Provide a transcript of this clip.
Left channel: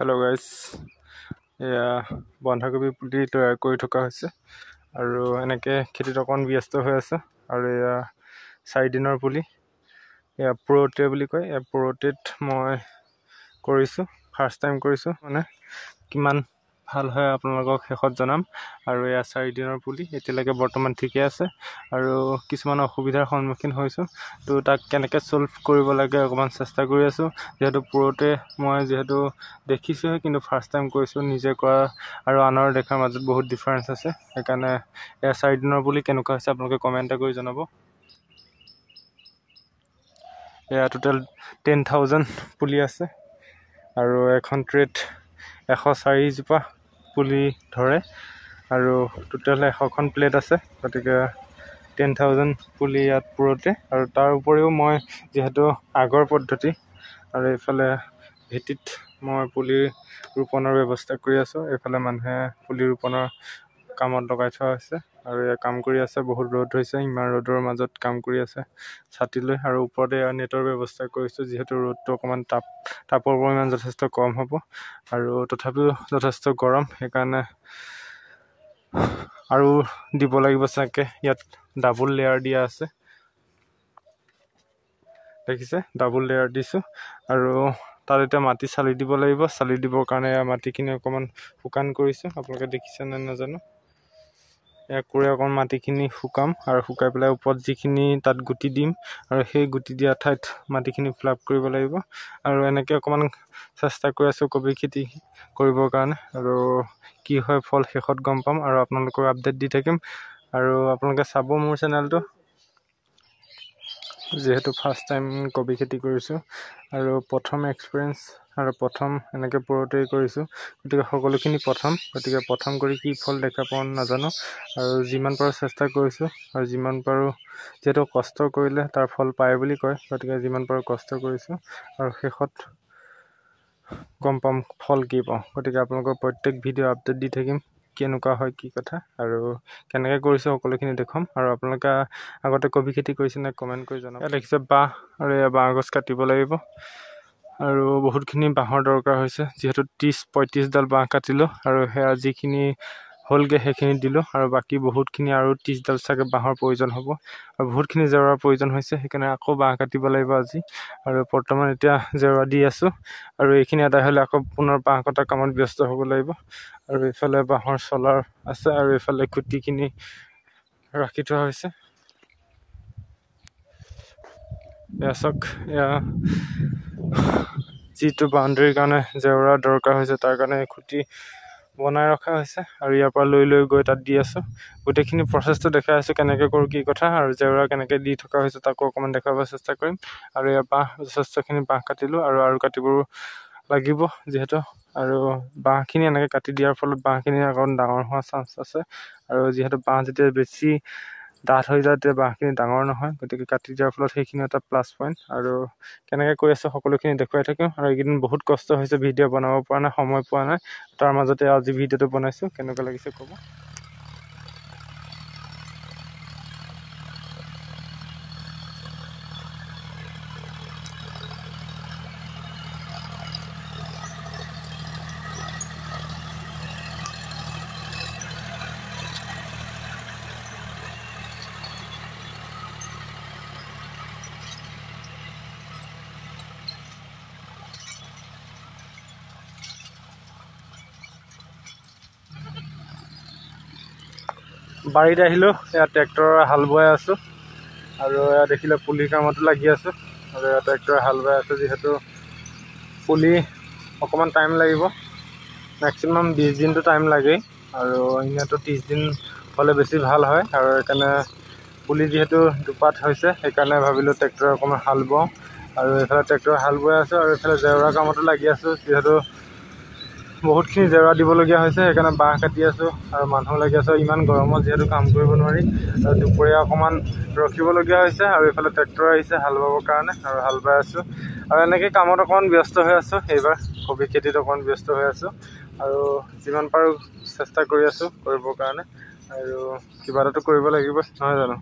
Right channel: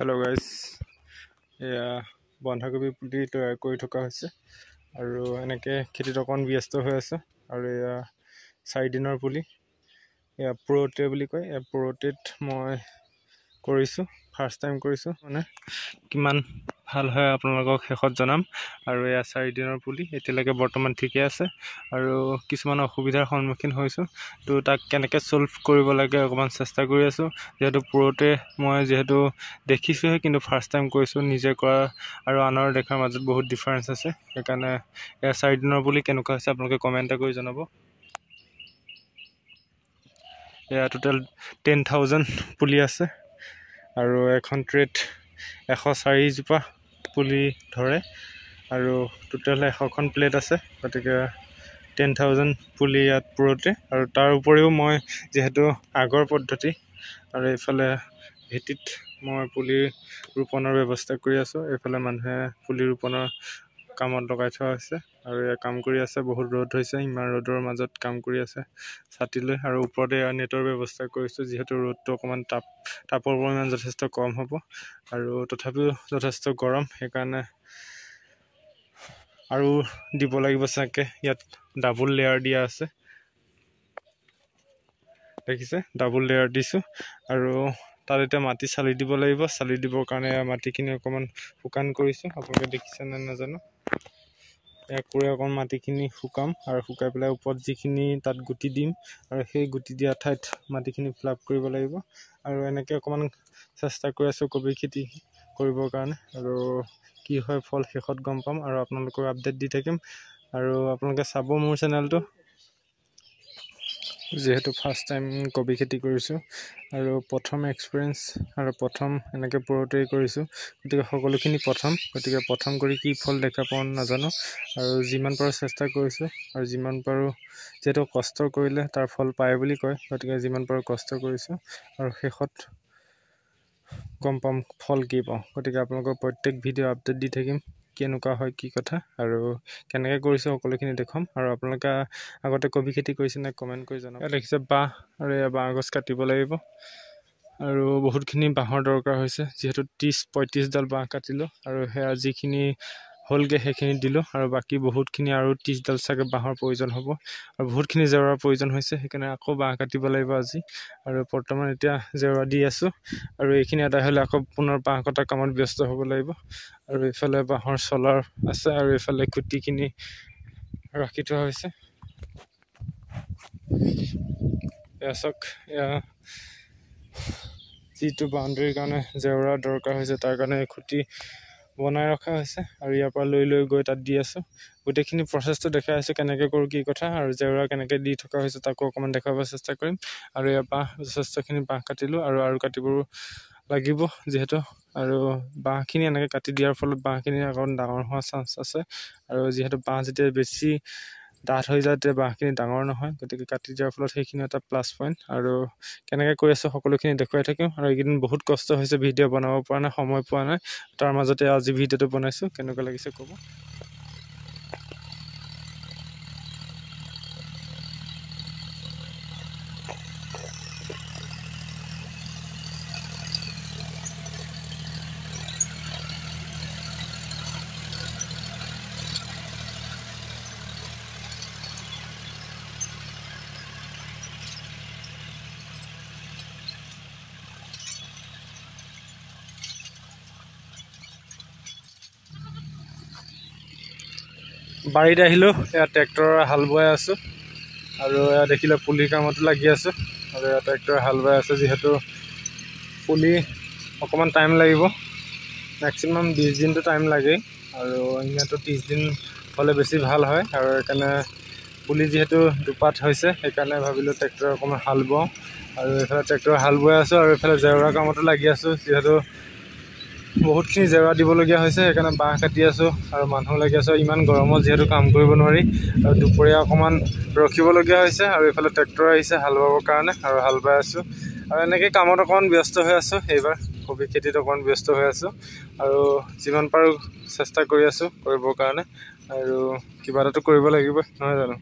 hello guys या बंधाकोबी पुली तैयार কৰি থকা হৈছে আৰু এনেকৈ খেতিত অকণ ব্যস্ত হৈ আছে আৰু এয়া 4 দিনৰ পুলি এয়া প্ৰ'টে বুলি কয় এয়া প্ৰ'টেত মই কৰিছো ফাৰ্স্ট টাইম কৰিছো মানে কিমান ভাল হয় আপোনালোকক শেষত জনাম আৰু এয়া 4 দিনৰ পুলি এতিয়ালৈকে বৰ্তমান ঠিকে আছে আৰু কিছুমান অসুবিধাৰ সন্মুখীন হৈছো তো তাক কেনেকৈ সলভ কৰিব লাগে অকমান চেষ্টা কৰি আছো যেহেতু প্ৰ'টে মই যেহেতু দেখিছোহে কিন্তু ফাৰ্স্ট টাইম কৰিছো নিজে কৰা আৰু আনৰ দেখাৰ মাজত বহুত ডিফাৰেন্স আছে সেইকাৰণে এয়া 4 দিনৰ পুলি কেনেকুৱা হৈছে আপোনালোকে কমেন্ট কৰি জনাব এয়া টোটাল 10000 পুলি আছে আৰু এখন ট্ৰেট 104 জোপা পুলি ধৰে আৰু টোটাল 100খন প্লেট আছে গতিকে 10000 পুলি ইয়াত প্ৰ'টে আৰু তাৰ উপৰিও মই যেহেতু আগৰ পদ্ধতি আৰু ইফালে ভেটিত মই পুলি ৰোপণৰ ব্যৱস্থা কৰি আছো এফালে মানুহে পুলি ৰোপণৰ কামত লগাই থোৱা আছে আৰু এই কাম কৰি আছে বহুত ৰ'দ হৈছে ইমান ৰ'দৰ মাজত কাম কৰি আছে ছাতি লৈ আৰু ওপৰতে নেটৰ ব্যৱস্থা কৰিছো যেহেতু ৰ'দটো অকমান তাপৰ পৰিমাণ যথেষ্ট কম হ'ব আৰু তথাপিও যথেষ্ট গৰম সেইকাৰণে আৰু দিব লাগিব চাগে ইয়াত ডাবল লেয়াৰ দিয়া আছে দেখিছে ডাবল লেয়াৰ দিছো আৰু তাৰ এটা মাটি চালি দিব লাগিব চালি দিবৰ কাৰণে মাটিখিনি অকমান শুকান কৰিছো আপোনালোকে দেখিছে না নাজানো এক কৰি অকমান মাটিখিনি শুকাম আৰু শুকাই পেলাই ওপৰত যিখিনি তাত গুটি দিম আৰু সেই গুটি দিয়া ঠাইত মাটিখিনি ফ্লাপ কৰিব লাগিব আৰু এনেকৈ অকমান চেষ্টা কৰি আছো কবি খেতি কৰিবৰ কাৰণে আৰু কি হয় ফল শেষত গম পাম আৰু আপোনালোকক আপডেট দি থাকিম আৰু আপোনালোকে চাব মোৰ চেনেলটো যেহেতু ফাৰ্স্ট টাইম কবি খেতি কৰিছো আৰু প্ৰথম এক্সপেৰিয়েন্স আৰু প্ৰথম এনেকৈ প্ৰ'টে কৰিছো গতিকে সকলোখিনি গতিকে প্ৰথম কৰি কি ফল দেখা পাওঁ নাজানো আৰু যিমান পাৰো চেষ্টা কৰিছো আৰু যিমান পাৰো যেহেতু কষ্ট কৰিলে তাৰ ফল পায় বুলি কয় গতিকে যিমান পাৰো কষ্ট কৰিছো আৰু শেষত গম পাম ফল কি পাওঁ গতিকে আপোনালোকক প্ৰত্যেক ভিডিঅ' আপডেট দি থাকিম কেনেকুৱা হয় কি কথা আৰু কেনেকৈ কৰিছো সকলোখিনি দেখাম আৰু আপোনালোকে আগতে কবি খেতি কৰিছে নে কমেন্ট কৰি জনাব দেখিছে বাঁহ আৰু বাঁহ গছ কাটিব লাগিব আৰু বহুতখিনি বাঁহৰ দৰকাৰ হৈছে যেহেতু 30-35 ডাল বাঁহ কাটিলো আৰু হেয়া যিখিনি হলগে সেইখিনি দিলো আৰু বাকি বহুতখিনি আৰু 30 ডাল চাগে বাঁহৰ প্ৰয়োজন হ'ব আৰু বহুতখিনি জেওৰাৰ প্ৰয়োজন হৈছে সেইকাৰণে আকৌ বাঁহ কাটিব লাগিব আজি আৰু বৰ্তমান এতিয়া জেওৰা দি আছো আৰু এইখিনি আদায় হ'লে আকৌ পুনৰ বাঁহ কটা কামত ব্যস্ত হ'ব লাগিব আৰু ইফালে বাঁহৰ চলাৰ আছে আৰু ইফালে খুঁটিখিনি ৰাখি থোৱা হৈছে ইয়াক যিটো বাউণ্ডাৰীৰ কাৰণে জেওৰা দৰকাৰ হৈছে তাৰ কাৰণে খুঁটি বনাই ৰখা হৈছে আৰু ইয়াৰ পৰা লৈ গৈ তাত দি আছো গোটেইখিনি প্ৰচেছটো দেখাই আছো কেনেকৈ কৰো কি কথা আৰু জেওৰা কেনেকৈ দি থকা হৈছে তাকো অকমান দেখাব চেষ্টা কৰিম আৰু ইয়াৰ বাঁহ যথেষ্টখিনি বাঁহ কাটিলো আৰু কাটিব লাগিব যেহেতু আৰু বাঁহখিনি এনেকৈ কাটি দিয়াৰ ফলত বাঁহখিনি অকণ ডাঙৰ হোৱা চান্স আছে আৰু যেহেতু বাঁহ যেতিয়া বেছি ডাঠ হৈ যায় তেতিয়া বাঁহখিনি ডাঙৰ নহয় গতিকে কাটি দিয়াৰ ফলত সেইখিনি এটা প্লাছ পইণ্ট আৰু কেনেকৈ কৰি আছো সকলোখিনি দেখুৱাই থাকিম আৰু এইকেইদিন বহুত কষ্ট হৈছে ভিডিঅ' বনাব পৰা নাই সময় পোৱা নাই তাৰ মাজতে আজি ভিডিঅ'টো বনাইছো কেনেকুৱা লাগিছে ক'ব বাৰীত আহিলো এয়া ট্ৰেক্টৰৰ হাল বাই আছো আৰু এয়া দেখিলে পুলি কামতো লাগি আছো আৰু এয়া ট্ৰেক্টৰৰ হাল বাই আছে যেহেতু পুলি অকমান টাইম লাগিব ম্যাক্সিমাম 20 দিনটো টাইম লাগেই আৰু ইনাটো 30 দিন হ'লে বেছি ভাল হয় আৰু সেইকাৰণে পুলি যেহেতু দুপাত হৈছে সেইকাৰণে ভাবিলো ট্ৰেক্টৰ অকমান হাল বাও আৰু এফালে ট্ৰেক্টৰ হাল বাই আছে আৰু এফালে জেওৰা কামতো লাগি আছো যেহেতু বহুতখিনি জেওৰা দিবলগীয়া হৈছে সেইকাৰণে বাঁহ কাটি আছো আৰু মানুহ লাগি আছে ইমান গৰমত যেহেতু কাম কৰিব নোৱাৰি আৰু দুপৰীয়া অকমান ৰখিবলগীয়া হৈছে আৰু ইফালে ট্ৰেক্টৰ আহিছে হাল বাবৰ কাৰণে আৰু হাল বাই আছো আৰু এনেকৈ কামত অকমান ব্যস্ত হৈ আছো এইবাৰ কবি খেতিত অকমান ব্যস্ত হৈ আছো আৰু যিমান পাৰো চেষ্টা কৰি আছো কৰিবৰ কাৰণে আৰু কিবা এটাতো কৰিব লাগিব নহয় জানো